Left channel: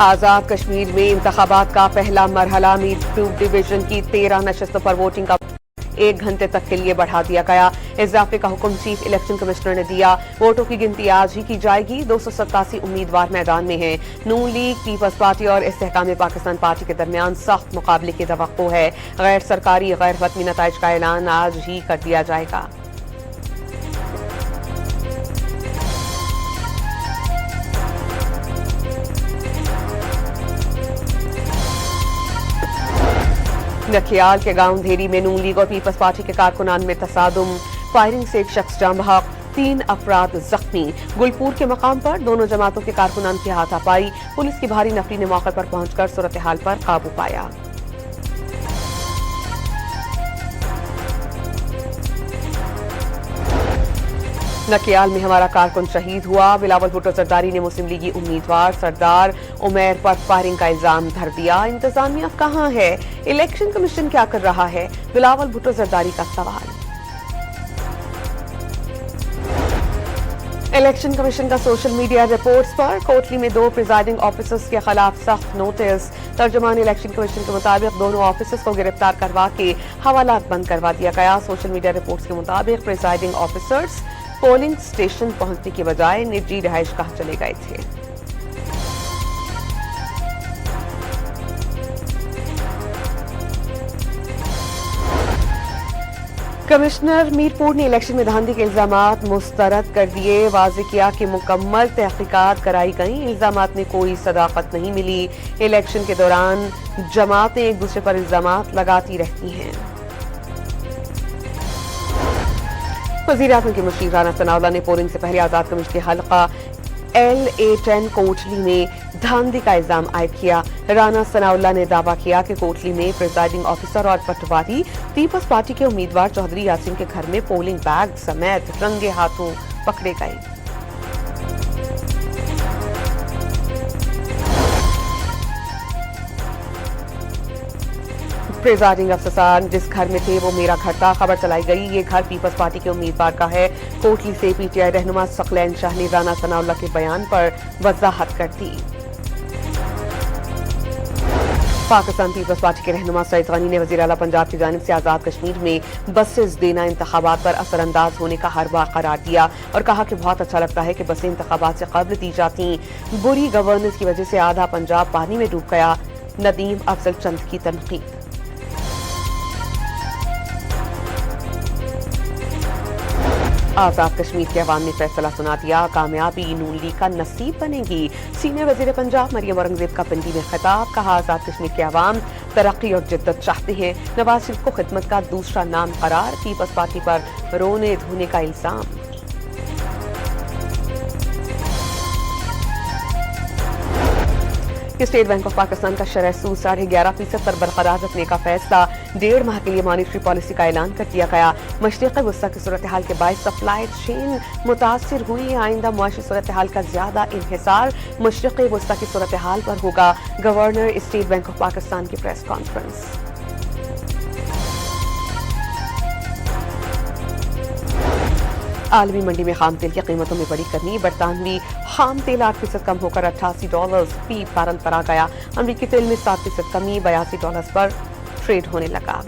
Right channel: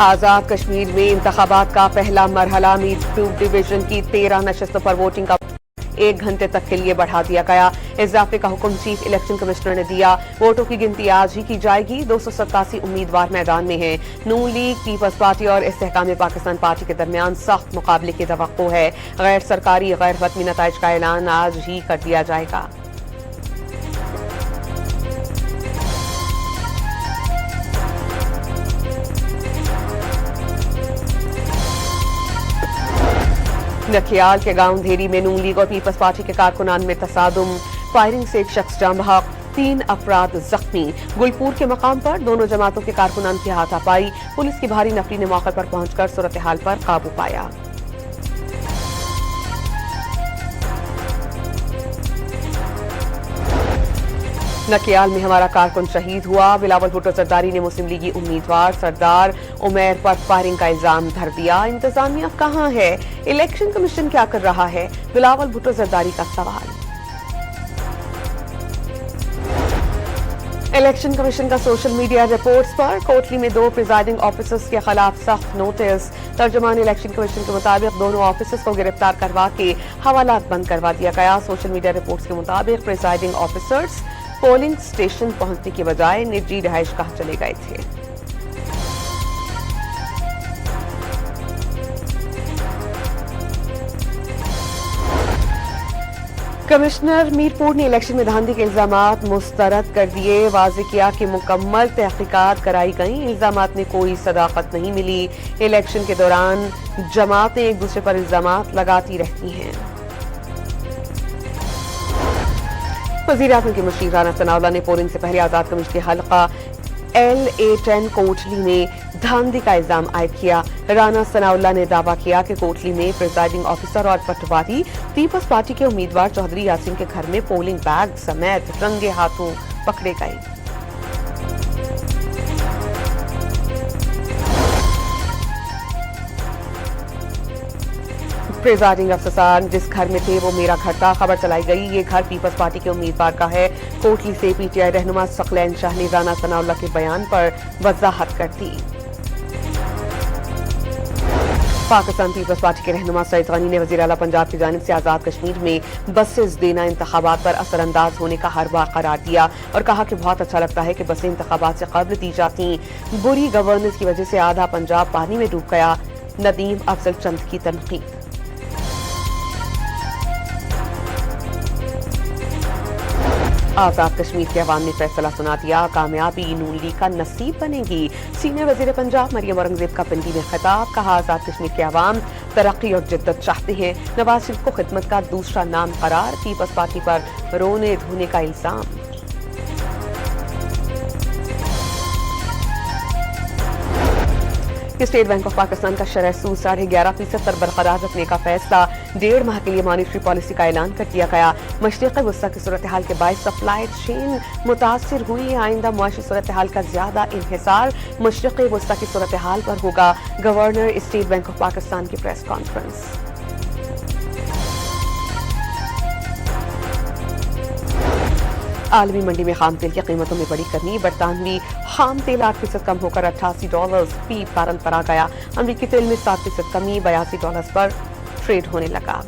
आजाद कश्मीर में इंतखाबात का पहला मरहला मीरपुर डिवीजन की 13 नशस्तों पर वोटिंग का 1 घंटे तक के लिए बढ़ा दिया गया। इजाफे का हुक्म चीफ इलेक्शन कमिश्नर ने दिया। वोटों की गिनती आज ही की जाएगी। 287 उम्मीदवार मैदान में हैं। नून लीग, पीपल्स पार्टी और इस्तेहकाम पाकिस्तान पार्टी के दरमियान सख्त मुकाबले की तवक्को है। गैर सरकारी गैर वतनी नताइज का ऐलान आज ही कर दिया जाएगा। नखियाल के गांव धेरी में नून लीग और पीपल्स पार्टी के कारकुनान में तसादुम, फायरिंग से एक शख्स जाम बहक, 3 अफराद जख्मी। गुलपुर के मकाम पर दोनों जमातों के कारकुनान की हाथापाई। पुलिस की भारी नफरी ने मौके पर पहुंचकर सूरत हाल पर काबू पाया। नकियाल में हमारा कारकुन शहीद हुआ। बिलावल भुट्टो जरदारी ने मुस्लिम लीगी उम्मीदवार सरदार उमैर पर फायरिंग का इल्जाम धर दिया। इंतजामिया कहां है? इलेक्शन कमीशन क्या कर रहा है? बिलावल भुट्टो जरदारी का सवाल। इलेक्शन कमीशन का सोशल मीडिया रिपोर्ट्स पर कोटली में 2 प्रिजाइडिंग ऑफिसर्स के खिलाफ सख्त नोटिस। तर्जुमान इलेक्शन कमीशन के मुताबिक दोनों ऑफिसर्स को गिरफ्तार करवा के हवालात बंद करवा दिया गया। सोशल मीडिया रिपोर्ट्स के मुताबिक प्रिजाइडिंग ऑफिसर्स पोलिंग स्टेशन पहुंचने की बजाय निजी रिहाइशगाह चले गए थे। कमिश्नर मीरपुर ने इलेक्शन में धांधली के इल्जामात मुस्तरद कर दिए। वाज़ेह किया कि मुकम्मल तहकीकात कराई गई। इल्जामात में कोई सदाकत नहीं मिली। इलेक्शन के दौरान जमातें एक दूसरे पर इल्जामात लगाती रहती हैं। वज़ीर-ए-आज़म के मुशीर राना सनाउल्लाह ने पोलिंग से पहले आजाद कमिश्नर के हल्का LA10 कोटली में धांधली का इल्जाम आयद किया। राना सनाउल्लाह ने दावा किया कि कोटली में प्रिजाइडिंग ऑफिसर और पटवारी पीपल्स पार्टी के उम्मीदवार चौधरी यासीन के घर में पोलिंग बैग समेत रंगे हाथों पकड़े गए। प्रिजाइडिंग अफसर जिस घर में थे वो मेरा घर था। खबर चलाई गई ये घर पीपल्स पार्टी के उम्मीदवार का है। कोटली से PTI रहनुमा सकलैन शाह ने राना सनाउल्लाह के बयान पर वजाहत कर दी। पाकिस्तान पीपल्स पार्टी के रहनुमा सईद गनी ने वज़ीर आला पंजाब की जानिब से आजाद कश्मीर में बसेस देना इंतखाबात पर असरअंदाज होने का हरवा करार दिया और कहा कि बहुत अच्छा लगता है कि बसें इंतखाबात से कब्ल दी जाती। बुरी गवर्नेंस की वजह से आधा पंजाब पानी में डूब गया। नदीम अफजल चंद की तनकीद। आजाद कश्मीर के अवाम ने फैसला सुना दिया। कामयाबी नून लीग का नसीब बनेगी। सीनियर वजीर पंजाब मरियम औरंगजेब का पिंडी में खिताब। कहा आजाद कश्मीर के अवाम तरक्की और जिद्दत चाहते हैं। नवाज शरीफ को खिदमत का दूसरा नाम करार। पीपल्स पार्टी पर रोने धोने का इल्जाम। स्टेट बैंक ऑफ पाकिस्तान का शरह सूद 11.5% पर बरकरार रखने का फैसला। 1.5 माह के लिए मॉनिटरी पॉलिसी का ऐलान कर दिया गया। मशरिक़ी वस्ता की सूरत हाल के बायस सप्लाई चेन मुतासिर हुई। आइंदा मुआशी सूरत हाल का ज्यादा इन्हिसार मशरिक़ी वस्ता की सूरत हाल पर होगा। Governor state bank of Pakistan की प्रेस कॉन्फ्रेंस। आलमी मंडी में खाम तेल की कीमतों में बड़ी कमी। बरतानवी खाम तेल 8% कम होकर $88 फी बैरल पर आ गया। अमरीकी तेल में 7% कमी, $82 पर ट्रेड होने लगा।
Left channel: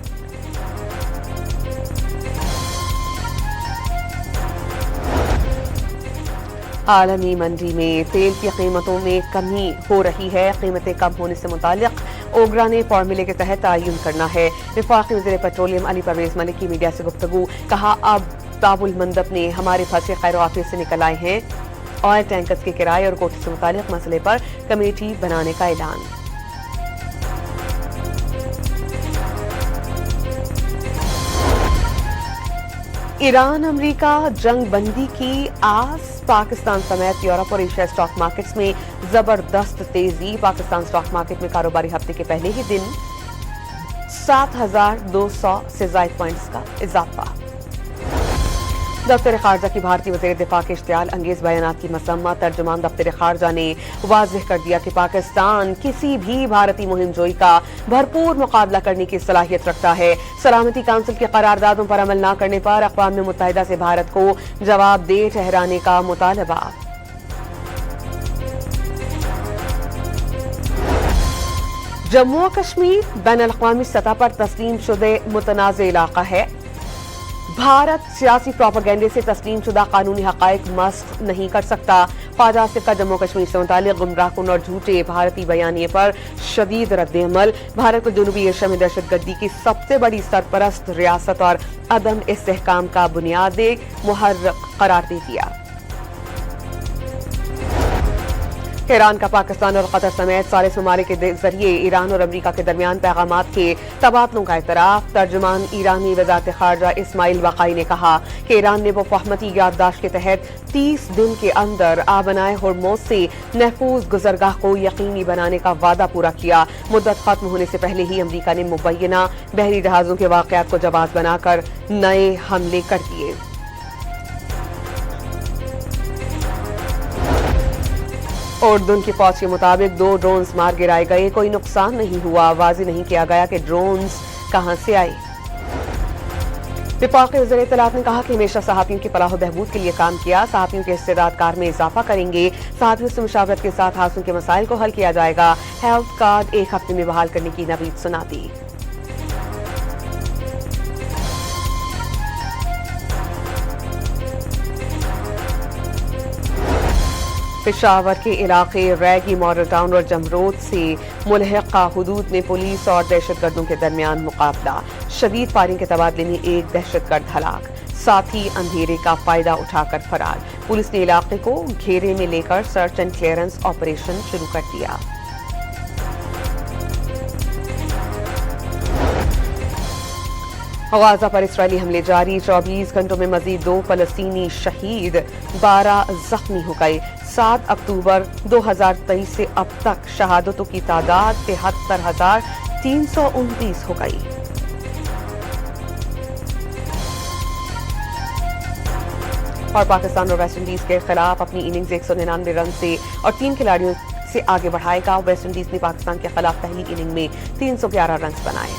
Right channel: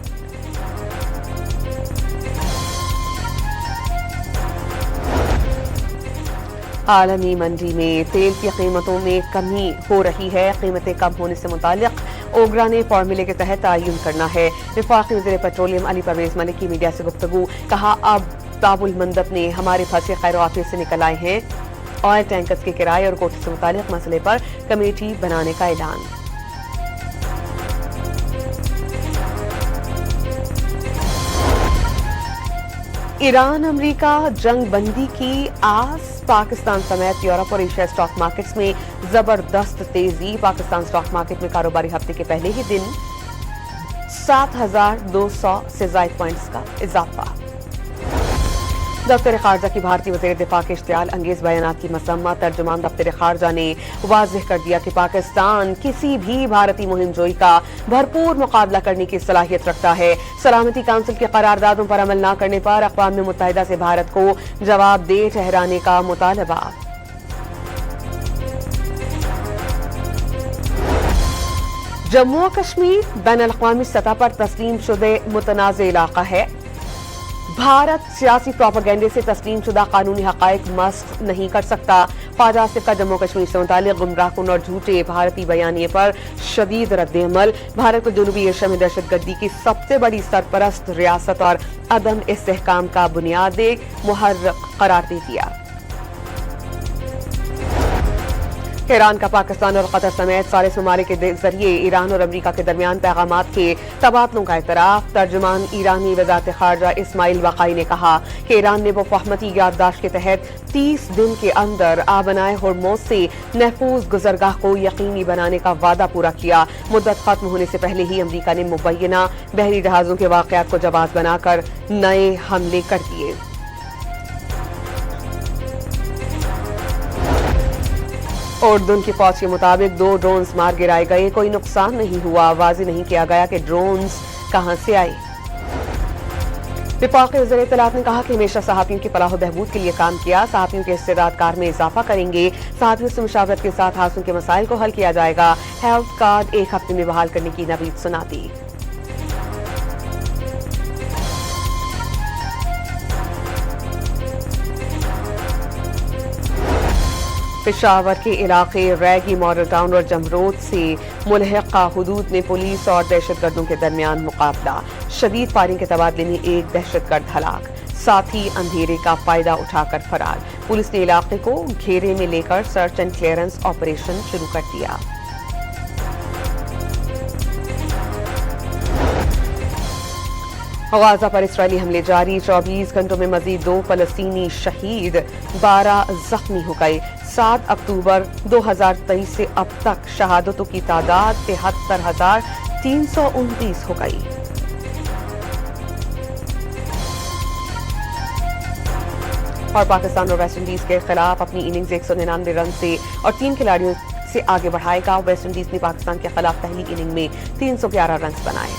आलमी मंडी में तेल की कीमतों में कमी हो रही है। कीमतें कम होने से मुतालिक ओगरा ने फॉर्मूले के तहत तयन करना है। वफाकी वज़ीर पेट्रोलियम अली परवेज मलिक की मीडिया से गुफ्तगू। कहा अब बाबुल मंदब ने हमारे फंसे खैर वाफिस से निकल आए हैं। ऑयल टैंकर्स के किराए और कोटे से मुतालिक मसले पर कमेटी बनाने का ऐलान। ईरान अमेरिका जंग बंदी की आस। पाकिस्तान समेत यूरोप और एशिया स्टॉक मार्केट्स में जबरदस्त तेजी। पाकिस्तान स्टॉक मार्केट में कारोबारी हफ्ते के पहले ही दिन 7,200 से ज्यादा पॉइंट्स का इजाफा। दफ्तर खारजा की भारतीय वज़ीर दिफा के इश्तियाल अंगेज बयानात की मसम्मत। तर्जुमान दफ्तर खारजा ने वाज़ेह कर दिया कि पाकिस्तान किसी भी भारतीय मुहिमजोई का भरपूर मुकाबला करने की सलाहियत रखता है। सलामती काउंसिल की करारदादों पर अमल न करने पर अक़वाम मुत्तहिदा से भारत को जवाबदेह ठहराने का मुतालबा। जम्मू और कश्मीर बैन-अल-अक़वामी सतह पर तस्लीम शुदे मुतनाज़ इलाका है। भारत सियासी प्रोपेगेंडे से तस्लीम शुदा कानूनी हक़ाइक़ मस्त नहीं कर सकता। ख्वाजा आसिफ का जम्मू कश्मीर से मुताल्लिक़ गुमराहकुन और झूठे भारतीय बयानिए पर शदीद रद्द-ए-अमल। भारत को जनूबी एशिया में दहशतगर्दी की सबसे बड़ी सरपरस्त रियासत और अदम इस्तेहकाम का बुनियादी मुहर्रिक करार दे दिया। ईरान का पाकिस्तान और कतर समेत सारे ममालिक के जरिए ईरान और अमरीका के दरमियान पैगामात के तबादलों का एतराफ़। तर्जुमान ईरानी वज़ारत ख़ारजा इस्माइल वक़ाई ने कहा कि ईरान ने वफ़ाहमती याददाश्त के तहत 30 दिन के अंदर आबनाए होर्मुज़ से महफूज गुज़रगाह को यकीनी बनाने का वादा पूरा किया। मुद्दत खत्म होने से पहले ही अमरीका ने मुबैना बहरी जहाज़ों के वाक़यात को जवाब बनाकर नए हमले कर दिए। उर्दून की फौज के मुताबिक 2 ड्रोन्स मार गिराए गए, कोई नुकसान नहीं हुआ। वाज़ेह नहीं किया गया कि ड्रोन्स कहां से आए। वफाकी वज़ीर इत्तलाआत ने कहा कि हमेशा सहाफ़ियों की फलाह बहबूद के लिए काम किया। सहाफ़ियों के इस्तेदाद कार में इजाफा करेंगे। सहाफ़ियों से मुशावरत के साथ हादसों के मसाइल को हल किया जाएगा। हेल्थ कार्ड 1 हफ्ते में बहाल करने की नवीद सुना दी। पेशावर के इलाके रैगी मॉडल टाउन और जमरोद से मुल्हिका हुदूद में पुलिस और दहशतगर्दों के दरमियान मुकाबला। शदीद फायरिंग के तबादले में एक दहशतगर्द हलाक, साथ ही अंधेरे का फायदा उठाकर फरार। पुलिस ने इलाके को घेरे में लेकर सर्च एंड क्लियरेंस ऑपरेशन शुरू कर दिया। गाजा पर इसराइली हमले जारी। 24 घंटों में मजीद 2 फलस्तीनी शहीद, 12 जख्मी हो गए। 7 अक्टूबर 2023 से अब तक शहादतों की तादाद 73,329 हो गई। और पाकिस्तान और वेस्ट इंडीज के खिलाफ अपनी इनिंग्स 199 रन से और 3 खिलाड़ियों से आगे बढ़ाएगा। वेस्ट इंडीज ने पाकिस्तान के खिलाफ पहली इनिंग में 311 रन बनाए।